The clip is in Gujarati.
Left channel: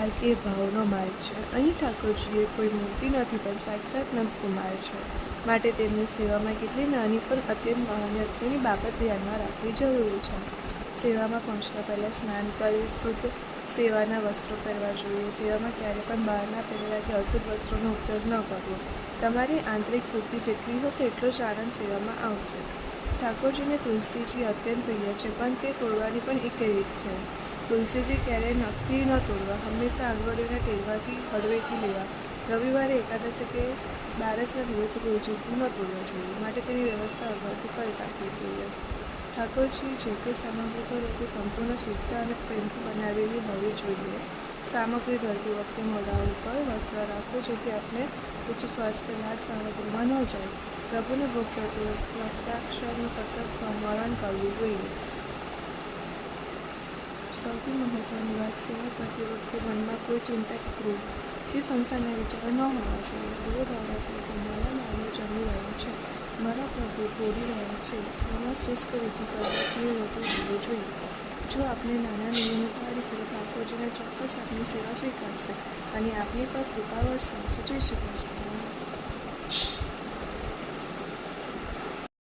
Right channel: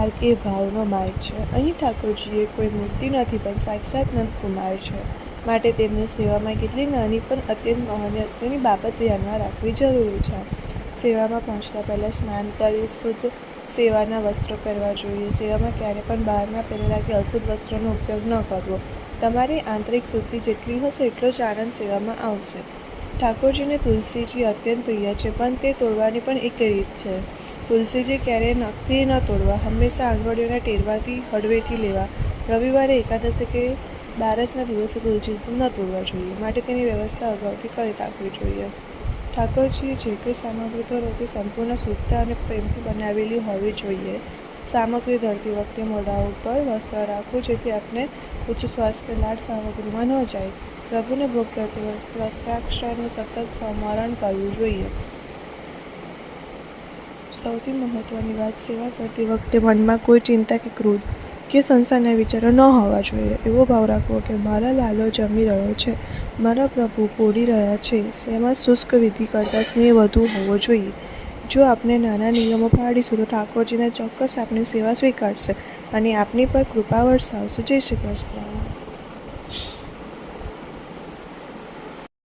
માર્ગ એ ભાવનો માર્ગ છે. અહીં ઠાકોરજી એ કોઈ મૂર્તિ નથી પણ સાક્ષાત નંદકુમાર છે. માટે તેમની સેવામાં કેટલી નાની પણ અત્યંત મહત્વની બાબત ધ્યાનમાં રાખવી જરૂરી છે. સેવામાં પહોંચતા પહેલાં સ્નાન કરી શુદ્ધ સેવાના વસ્ત્રો પહેરવા જોઈએ. સેવામાં ક્યારે પણ બહારના પહેરેલા કે અશુદ્ધ વસ્ત્રોનો ઉપયોગ ન કરવો. તમારી આંતરિક શુદ્ધિ જેટલી હશે એટલો જ આનંદ સેવામાં આવશે. ઠાકોરજીને તુલસીજી અત્યંત પ્રિય છે, પણ તે તોડવાની પણ એક રીત છે. તુલસીજી ક્યારેય નખથી ન તોડવા, હંમેશા આંગળીઓના ટેરવાથી હળવેથી લેવા. રવિવારે, એકાદશી કે બારસના દિવસે તુલસીજી ન તોડવા જોઈએ. માટે તેની વ્યવસ્થા અગાઉથી કરી રાખવી જોઈએ. ઠાકોરજી જે કોઈ સામગ્રી ધરે તે સંપૂર્ણ શુદ્ધતા અને પ્રેમથી બનાવેલી હોવી જોઈએ. સામગ્રી ધરતી વખતે મોઢા ઉપર વસ્ત્ર રાખવું, જેથી આપણે ઉચ્છ્વાસ કે લાળ સામગ્રીમાં ન જાય. પ્રભુને ભોગ ધરતી વખતે વસ્ત્રાક્ષરનું સતત સ્મરણ કરવું જોઈએ. સૌથી મહત્વની વાત, સેવા કરતી વખતે મનમાં કોઈ ચિંતા કે ક્રોધ કે સંસારના વિચારો ન હોવા જોઈએ. એવો ભાવ રાખવો કે મારા લાલો જમી રહ્યો છે, મારા પ્રભુ પોઢી રહ્યા છે. સેવામાં શુષ્ક વિધિ કરતાં સ્નેહ વધુ હોવો જોઈએ. જો આપણે નાના નિયમો પાળીશું તો ઠાકોરજીને ચોક્કસ આપણી સેવા સ્વીકારશે અને આપણી પર કૃપા વરસાવશે. જય શ્રી કૃષ્ણ.